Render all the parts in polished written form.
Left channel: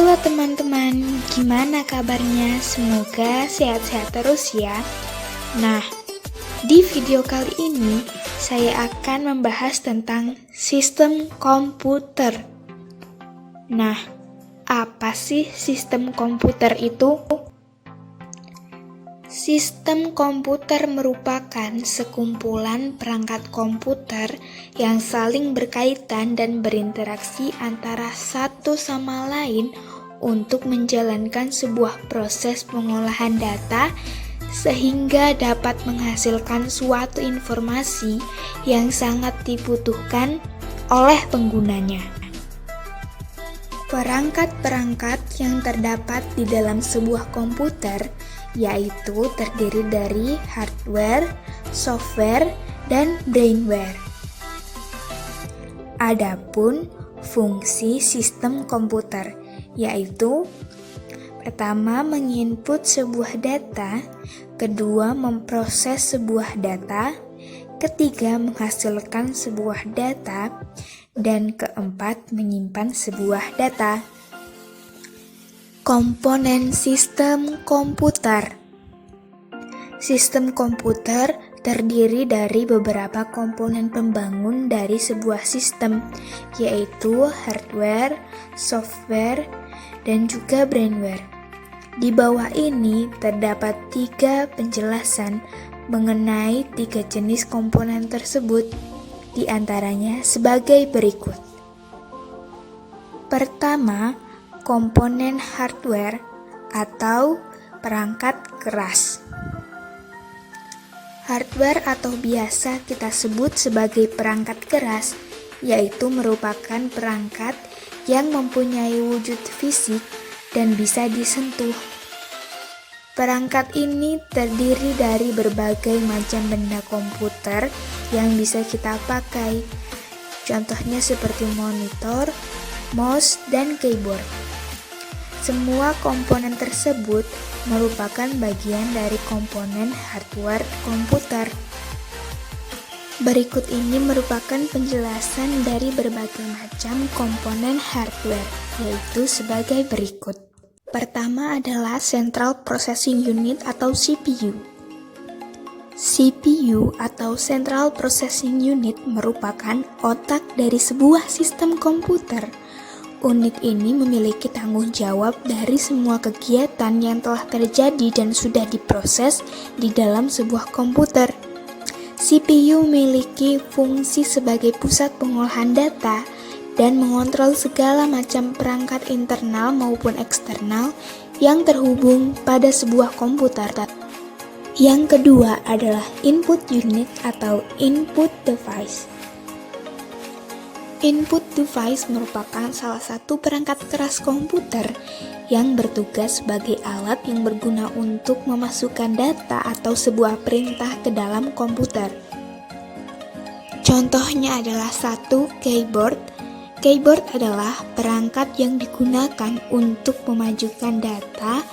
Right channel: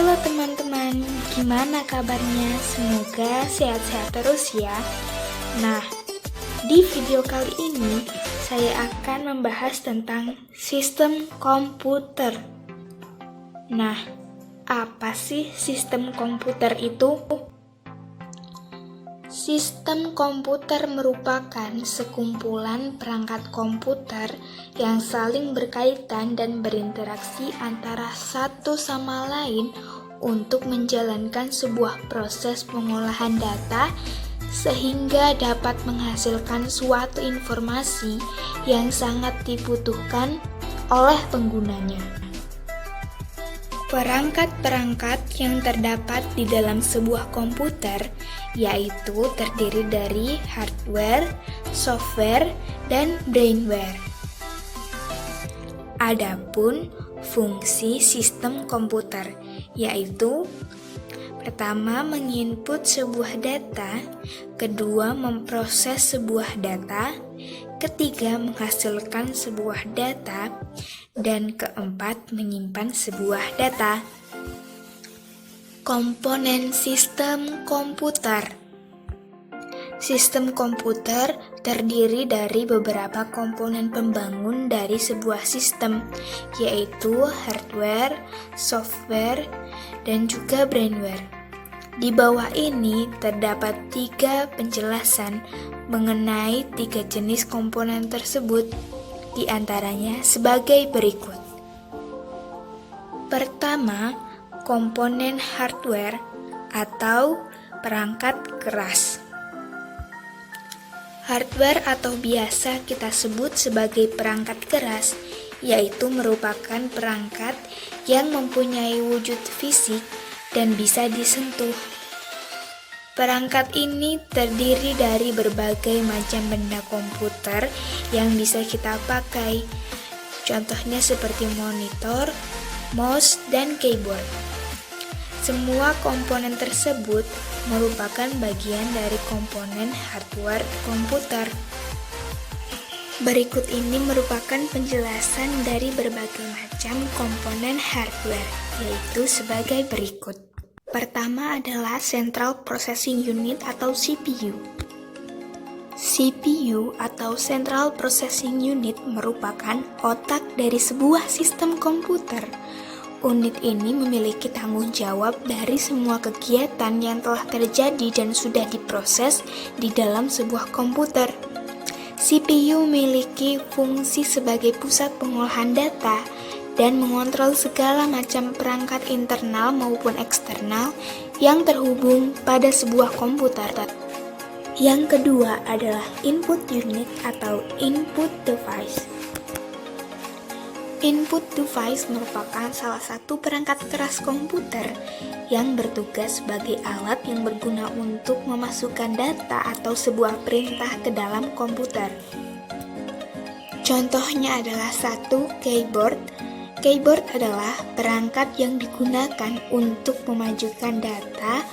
Halo teman-teman, gimana kabarnya? Semoga sehat-sehat terus ya. Nah, di video kali ini saya akan membahas tentang sistem komputer. Nah, apa sih sistem komputer itu? Sistem komputer merupakan sekumpulan perangkat komputer yang saling berkaitan dan berinteraksi antara satu sama lain untuk menjalankan sebuah proses pengolahan data sehingga dapat menghasilkan suatu informasi yang sangat dibutuhkan oleh penggunanya. Perangkat-perangkat yang terdapat di dalam sebuah komputer yaitu terdiri dari hardware, software, dan brainware. Adapun fungsi sistem komputer yaitu pertama menginput sebuah data, kedua memproses sebuah data, ketiga menghasilkan sebuah data, dan keempat menyimpan sebuah data. Komponen sistem komputer. Sistem komputer terdiri dari beberapa komponen pembangun dari sebuah sistem, yaitu hardware, software, dan juga brainware. Di bawah ini terdapat 3 penjelasan mengenai 3 jenis komponen tersebut, di antaranya sebagai berikut. Pertama, komponen hardware atau perangkat keras. Hardware atau biasa kita sebut sebagai perangkat keras, yaitu merupakan perangkat yang mempunyai wujud fisik dan bisa disentuh. Perangkat ini terdiri dari berbagai macam benda komputer yang bisa kita pakai. Contohnya seperti monitor, mouse, dan keyboard. Semua komponen tersebut merupakan bagian dari komponen hardware komputer. Berikut ini merupakan penjelasan dari berbagai macam komponen hardware, yaitu sebagai berikut. Pertama adalah Central Processing Unit atau CPU. CPU atau Central Processing Unit merupakan otak dari sebuah sistem komputer. Unit ini memiliki tanggung jawab dari semua kegiatan yang telah terjadi dan sudah diproses di dalam sebuah komputer. CPU memiliki fungsi sebagai pusat pengolahan data dan mengontrol segala macam perangkat internal maupun eksternal yang terhubung pada sebuah komputer. Yang kedua adalah input unit atau input device. Input device merupakan salah satu perangkat keras komputer yang bertugas sebagai alat yang berguna untuk memasukkan data atau sebuah perintah ke dalam komputer. Contohnya adalah 1. Keyboard. Keyboard adalah perangkat yang digunakan untuk memajukan data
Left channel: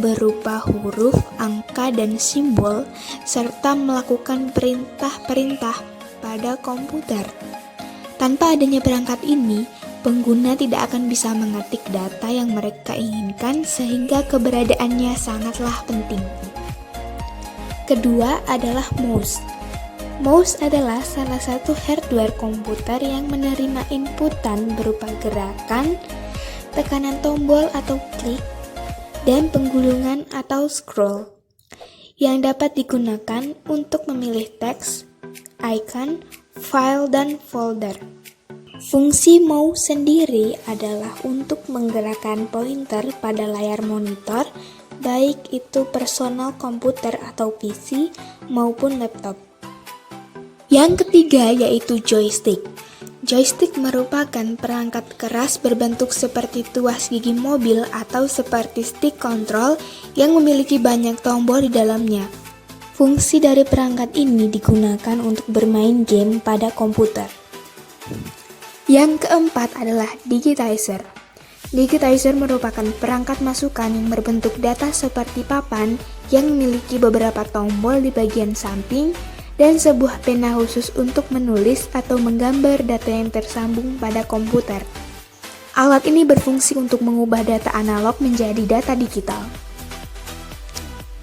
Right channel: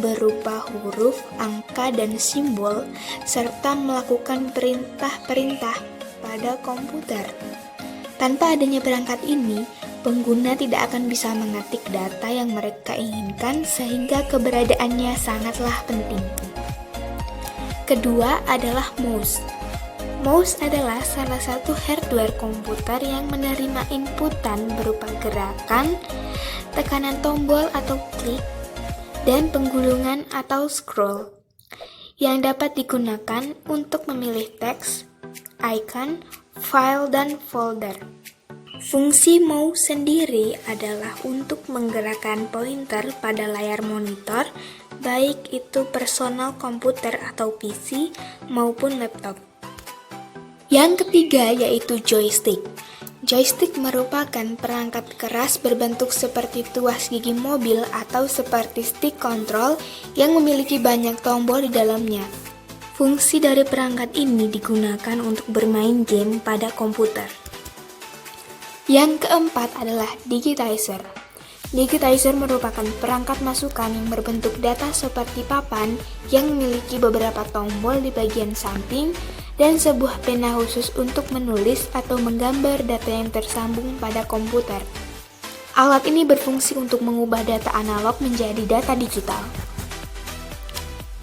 berupa huruf, angka, dan simbol, serta melakukan perintah-perintah pada komputer. Tanpa adanya perangkat ini, pengguna tidak akan bisa mengetik data yang mereka inginkan sehingga keberadaannya sangatlah penting. Kedua adalah mouse. Mouse adalah salah satu hardware komputer yang menerima inputan berupa gerakan, tekanan tombol atau klik, dan penggulungan atau scroll, yang dapat digunakan untuk memilih teks, icon, file, dan folder. Fungsi mouse sendiri adalah untuk menggerakkan pointer pada layar monitor, baik itu personal komputer atau PC maupun laptop. Yang ketiga yaitu joystick. Joystick merupakan perangkat keras berbentuk seperti tuas gigi mobil atau seperti stick control yang memiliki banyak tombol di dalamnya. Fungsi dari perangkat ini digunakan untuk bermain game pada komputer. Yang keempat adalah digitizer. Digitizer merupakan perangkat masukan yang berbentuk data seperti papan yang memiliki beberapa tombol di bagian samping dan sebuah pena khusus untuk menulis atau menggambar data yang tersambung pada komputer. Alat ini berfungsi untuk mengubah data analog menjadi data digital.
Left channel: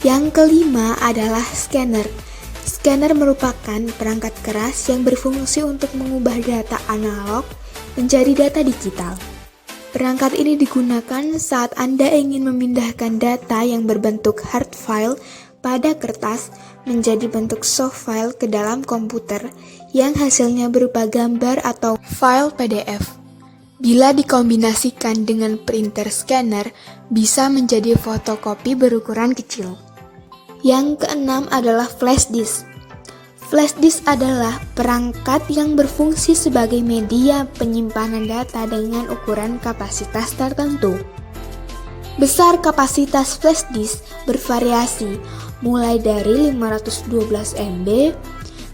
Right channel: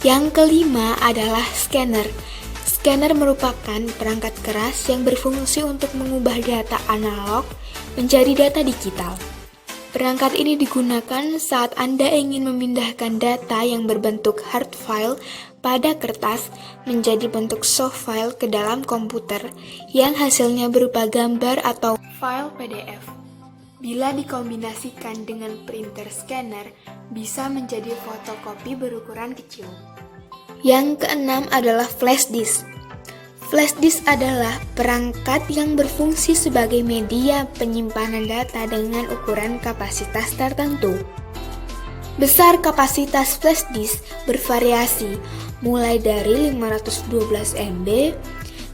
Yang kelima adalah scanner. Scanner merupakan perangkat keras yang berfungsi untuk mengubah data analog menjadi data digital. Perangkat ini digunakan saat Anda ingin memindahkan data yang berbentuk hard file pada kertas menjadi bentuk soft file ke dalam komputer yang hasilnya berupa gambar atau file PDF. Bila dikombinasikan dengan printer scanner, bisa menjadi fotokopi berukuran kecil. Yang keenam adalah flash disk. Flash disk adalah perangkat yang berfungsi sebagai media penyimpanan data dengan ukuran kapasitas tertentu. Besar kapasitas flash disk bervariasi, mulai dari 512 MB,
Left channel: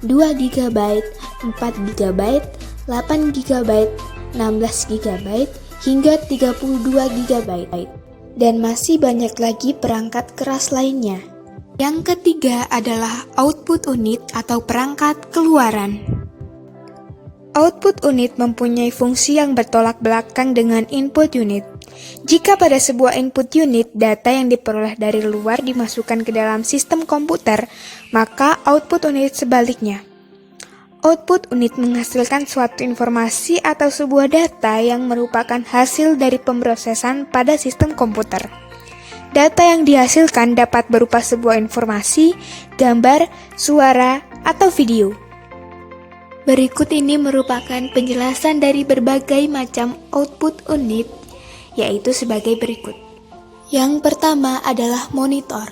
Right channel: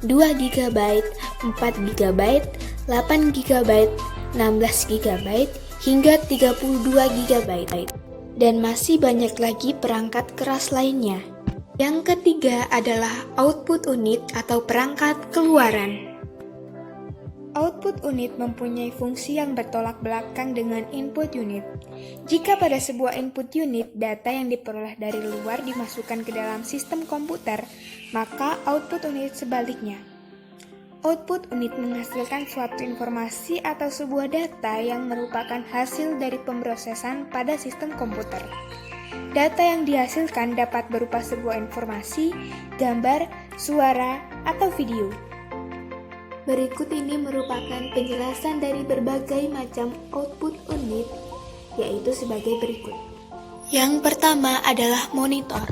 2 GB, 4 GB, 8 GB, 16 GB, hingga 32 GB, dan masih banyak lagi perangkat keras lainnya. Yang ketiga adalah output unit atau perangkat keluaran. Output unit mempunyai fungsi yang bertolak belakang dengan input unit. Jika pada sebuah input unit data yang diperoleh dari luar dimasukkan ke dalam sistem komputer, maka output unit sebaliknya. Output unit menghasilkan suatu informasi atau sebuah data yang merupakan hasil dari pemrosesan pada sistem komputer. Data yang dihasilkan dapat berupa sebuah informasi, gambar, suara, atau video. Berikut ini merupakan penjelasan dari berbagai macam output unit, yaitu sebagai berikut. Yang pertama adalah monitor.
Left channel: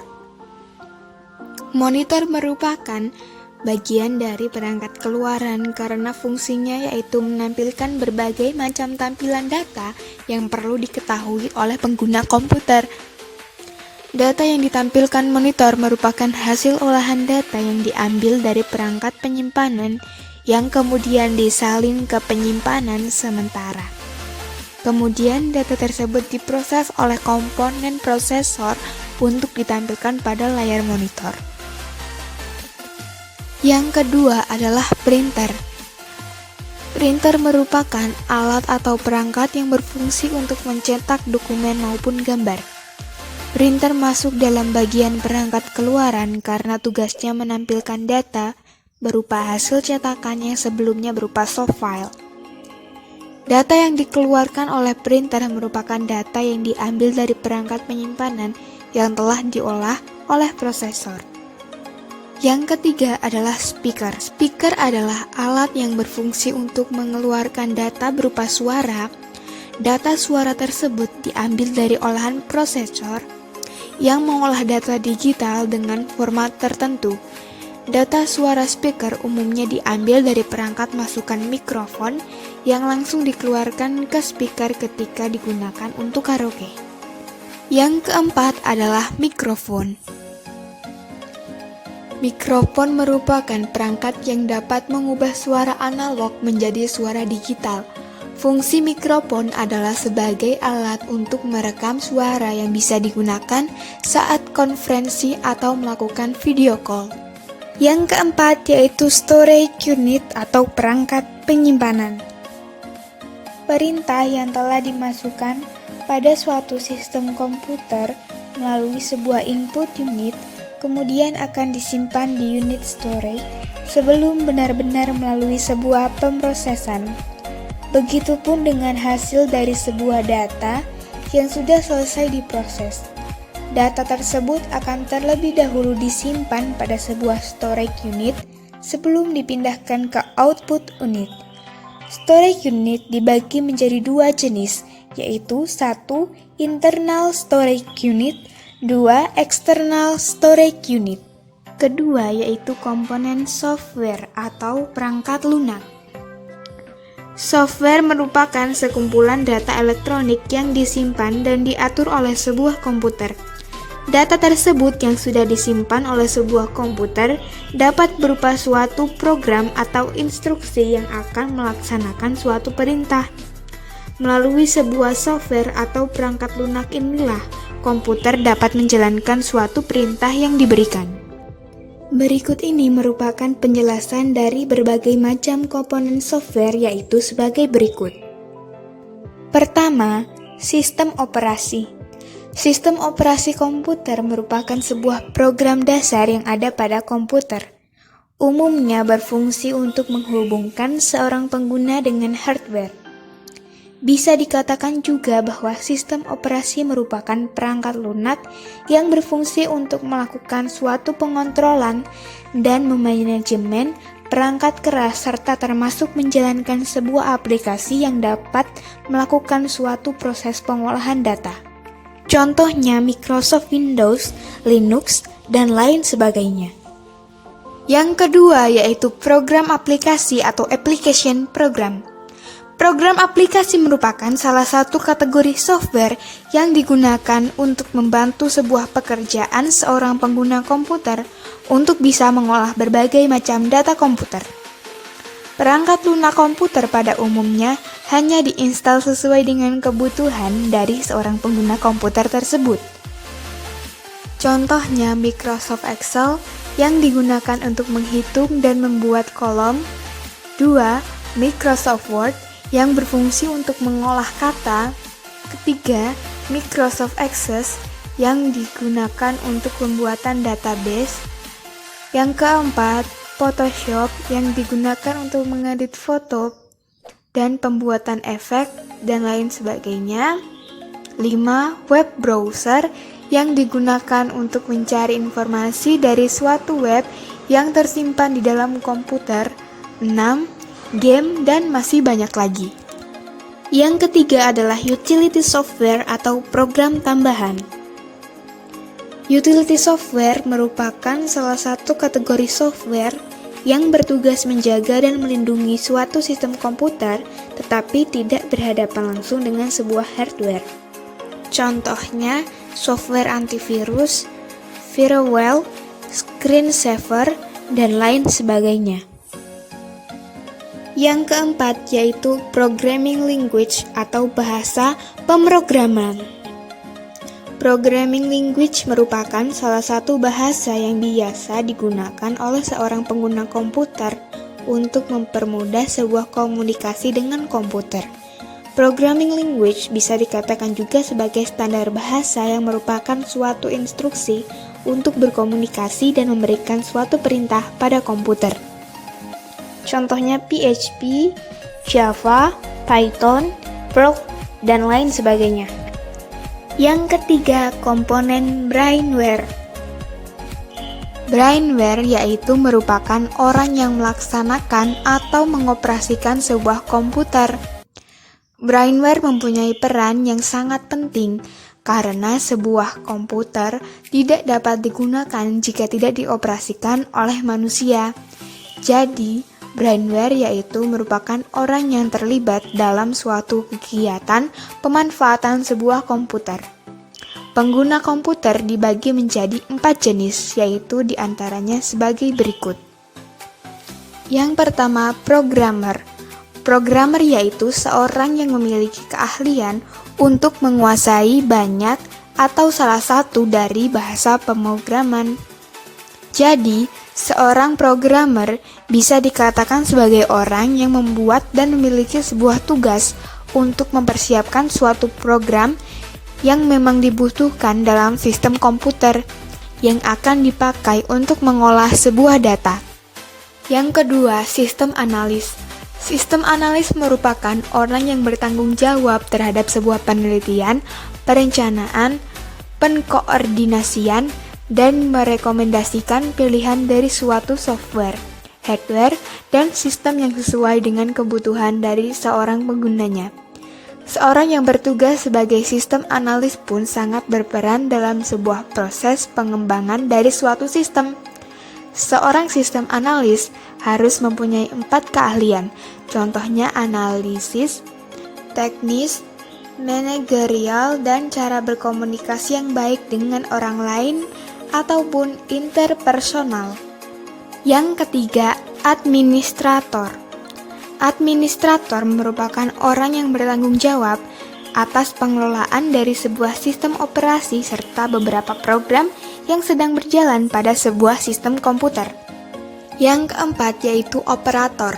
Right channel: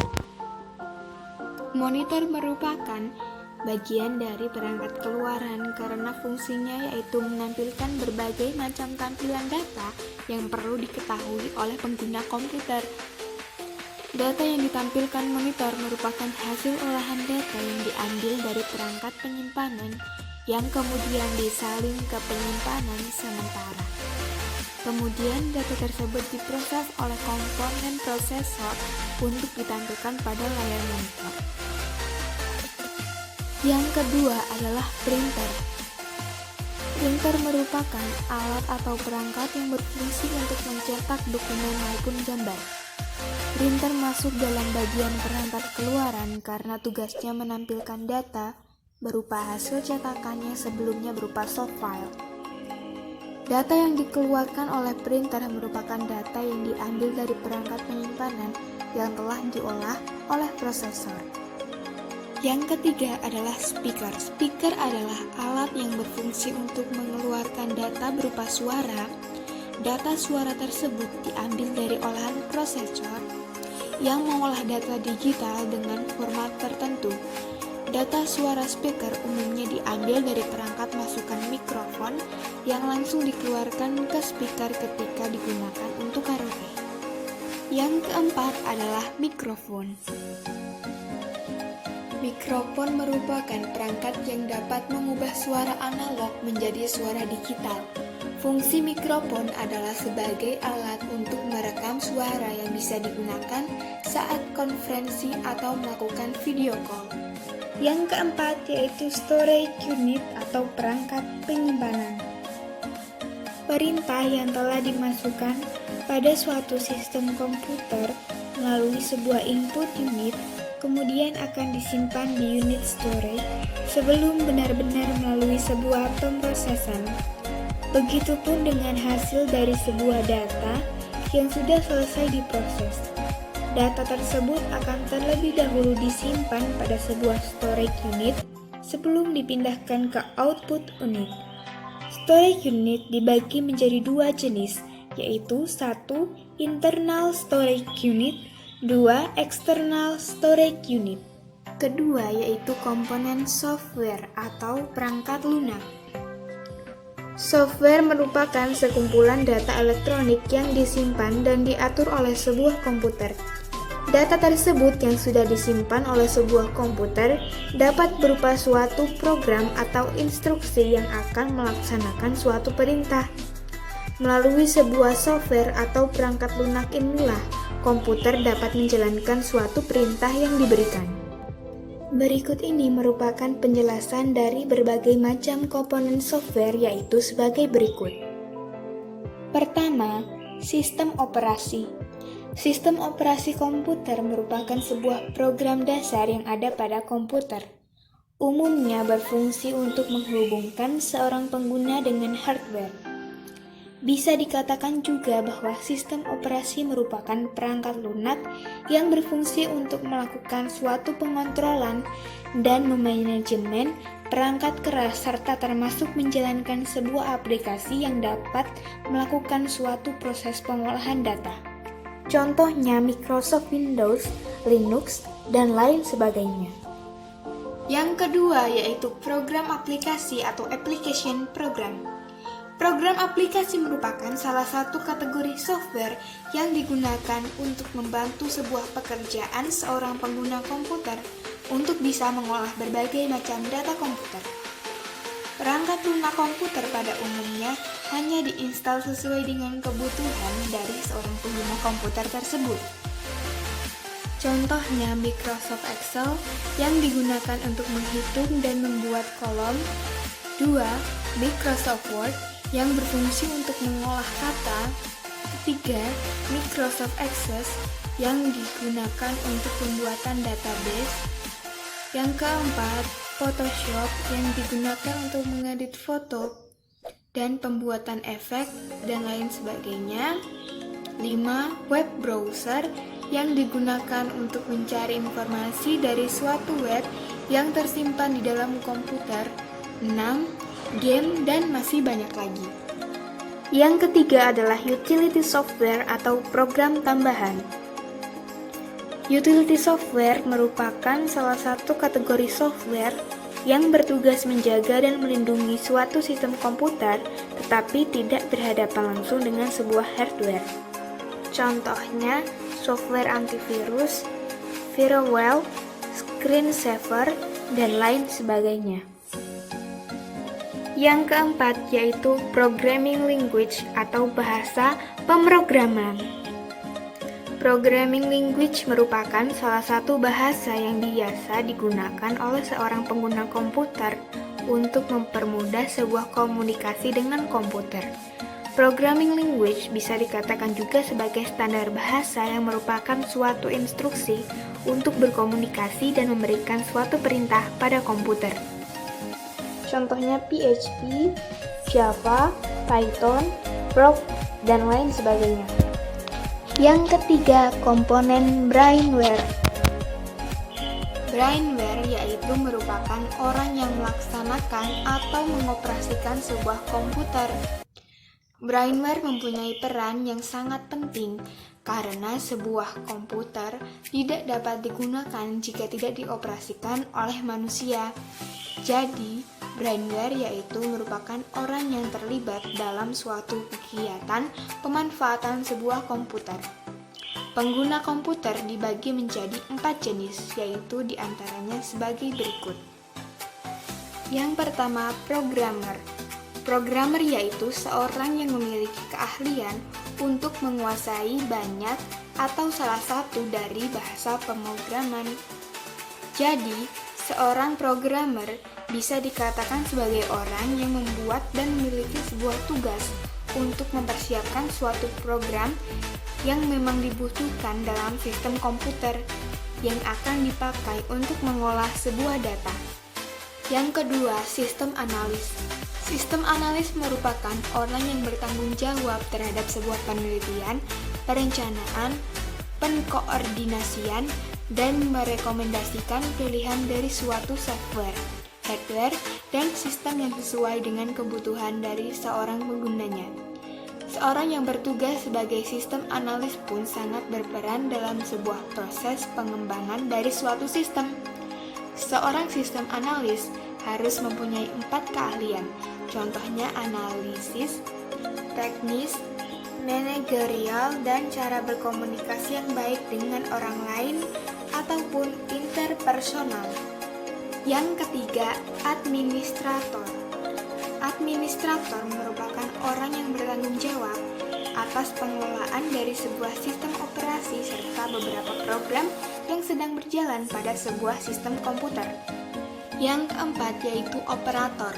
Monitor merupakan bagian dari perangkat keluaran karena fungsinya yaitu menampilkan berbagai macam tampilan data yang perlu diketahui oleh pengguna komputer. Data yang ditampilkan monitor merupakan hasil olahan data yang diambil dari perangkat penyimpanan yang kemudian disalin ke penyimpanan sementara. Kemudian data tersebut diproses oleh komponen prosesor untuk ditampilkan pada layar monitor. Yang kedua adalah printer. Printer merupakan alat atau perangkat yang berfungsi untuk mencetak dokumen maupun gambar. Printer masuk dalam bagian perangkat keluaran karena tugasnya menampilkan data berupa hasil cetakan yang sebelumnya berupa soft file. Data yang dikeluarkan oleh printer merupakan data yang diambil dari perangkat penyimpanan yang telah diolah oleh prosesor. Yang ketiga adalah speaker. Speaker adalah alat yang berfungsi untuk mengeluarkan data berupa suara. Data suara tersebut diambil dari olahan prosesor yang mengolah data digital dengan format tertentu. Data suara speaker umumnya diambil dari perangkat masukan mikrofon yang langsung dikeluarkan ke speaker ketika digunakan untuk karaoke. Yang keempat adalah mikrofon. Mikrofon merupakan perangkat yang dapat mengubah suara analog menjadi suara digital. Fungsi mikrofon adalah sebagai alat untuk merekam suara yang bisa digunakan saat konferensi atau melakukan video call. Yang keempat yaitu storage unit atau perangkat penyimpanan. Perintah yang telah dimasukkan pada suatu sistem komputer melalui sebuah input unit kemudian akan disimpan di unit storage sebelum benar-benar melalui sebuah pemrosesan. Begitupun dengan hasil dari sebuah data yang sudah selesai diproses. Data tersebut akan terlebih dahulu disimpan pada sebuah storage unit sebelum dipindahkan ke output unit. Storage unit dibagi menjadi dua jenis, yaitu 1. Internal storage unit, 2. External storage unit. Kedua yaitu komponen software atau perangkat lunak. Software merupakan sekumpulan data elektronik yang disimpan dan diatur oleh sebuah komputer. Data tersebut yang sudah disimpan oleh sebuah komputer dapat berupa suatu program atau instruksi yang akan melaksanakan suatu perintah. Melalui sebuah software atau perangkat lunak inilah, komputer dapat menjalankan suatu perintah yang diberikan. Berikut ini merupakan penjelasan dari berbagai macam komponen software yaitu sebagai berikut. Pertama, sistem operasi. Sistem operasi komputer merupakan sebuah program dasar yang ada pada komputer. Umumnya berfungsi untuk menghubungkan seorang pengguna dengan hardware. Bisa dikatakan juga bahwa sistem operasi merupakan perangkat lunak yang berfungsi untuk melakukan suatu pengontrolan dan memanajemen perangkat keras serta termasuk menjalankan sebuah aplikasi yang dapat melakukan suatu proses pengolahan data. Contohnya Microsoft Windows, Linux, dan lain sebagainya. Yang kedua yaitu program aplikasi atau application program. Program aplikasi merupakan salah satu kategori software yang digunakan untuk membantu sebuah pekerjaan seorang pengguna komputer untuk bisa mengolah berbagai macam data komputer. Perangkat lunak komputer pada umumnya hanya diinstal sesuai dengan kebutuhan dari seorang pengguna komputer tersebut. Contohnya Microsoft Excel yang digunakan untuk menghitung dan membuat kolom. 2. Microsoft Word yang berfungsi untuk mengolah kata. 3. Microsoft Access yang digunakan untuk pembuatan database. Yang keempat, Photoshop yang digunakan untuk mengedit foto dan pembuatan efek dan lain sebagainya. 5. Web browser yang digunakan untuk mencari informasi dari suatu web yang tersimpan di dalam komputer. 6. Game dan masih banyak lagi. Yang ketiga adalah utility software atau program tambahan. Utility software merupakan salah satu kategori software yang bertugas menjaga dan melindungi suatu sistem komputer tetapi tidak berhadapan langsung dengan sebuah hardware. Contohnya software antivirus, firewall, screensaver, dan lain sebagainya. Yang keempat yaitu programming language atau bahasa pemrograman. Programming language merupakan salah satu bahasa yang biasa digunakan oleh seorang pengguna komputer untuk mempermudah sebuah komunikasi dengan komputer. Programming language bisa dikatakan juga sebagai standar bahasa yang merupakan suatu instruksi untuk berkomunikasi dan memberikan suatu perintah pada komputer. Contohnya PHP, Java, Python, Perl, dan lain sebagainya. Yang ketiga, komponen brainware. Brainware yaitu merupakan orang yang melaksanakan atau mengoperasikan sebuah komputer. Brainware mempunyai peran yang sangat penting karena sebuah komputer tidak dapat digunakan jika tidak dioperasikan oleh manusia. Jadi, brainware yaitu merupakan orang yang terlibat dalam suatu kegiatan pemanfaatan sebuah komputer. Pengguna komputer dibagi menjadi 4 jenis, yaitu diantaranya sebagai berikut. Yang pertama, programmer. Programmer yaitu seorang yang memiliki keahlian untuk menguasai banyak atau salah satu dari bahasa pemrograman. Jadi, seorang programmer bisa dikatakan sebagai orang yang membuat dan memiliki sebuah tugas untuk mempersiapkan suatu program yang memang dibutuhkan dalam sistem komputer yang akan dipakai untuk mengolah sebuah data. Yang kedua, sistem analis. Sistem analis merupakan orang yang bertanggung jawab terhadap sebuah penelitian, perencanaan, pengkoordinasian, dan merekomendasikan pilihan dari suatu software, hardware, dan sistem yang sesuai dengan kebutuhan dari seorang penggunanya. Seorang yang bertugas sebagai sistem analis pun sangat berperan dalam sebuah proses pengembangan dari suatu sistem. Seorang sistem analis harus mempunyai 4 keahlian, contohnya analisis, teknis, manajerial, dan cara berkomunikasi yang baik dengan orang lain ataupun interpersonal. Yang ketiga, administrator. Administrator merupakan orang yang bertanggung jawab atas pengelolaan dari sebuah sistem operasi serta beberapa program yang sedang berjalan pada sebuah sistem komputer. Yang keempat yaitu operator.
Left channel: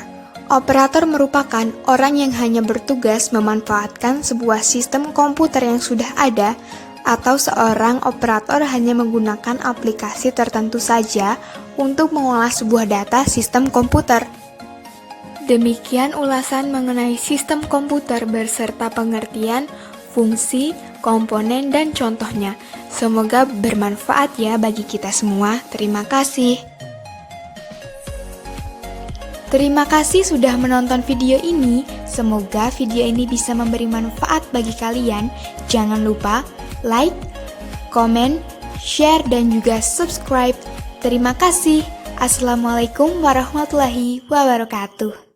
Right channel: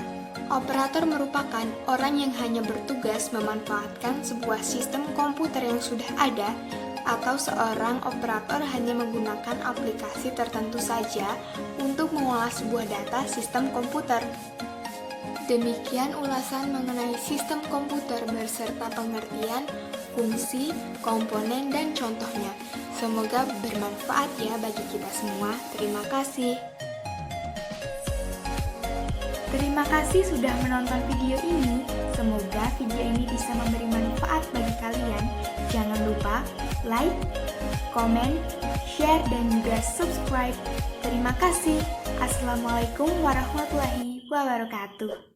Operator merupakan orang yang hanya bertugas memanfaatkan sebuah sistem komputer yang sudah ada, atau seorang operator hanya menggunakan aplikasi tertentu saja untuk mengolah sebuah data sistem komputer. Demikian ulasan mengenai sistem komputer beserta pengertian, fungsi, komponen, dan contohnya. Semoga bermanfaat ya bagi kita semua. Terima kasih. Terima kasih sudah menonton video ini. Semoga video ini bisa memberi manfaat bagi kalian. Jangan lupa like, komen, share, dan juga subscribe. Terima kasih. Assalamualaikum warahmatullahi wabarakatuh.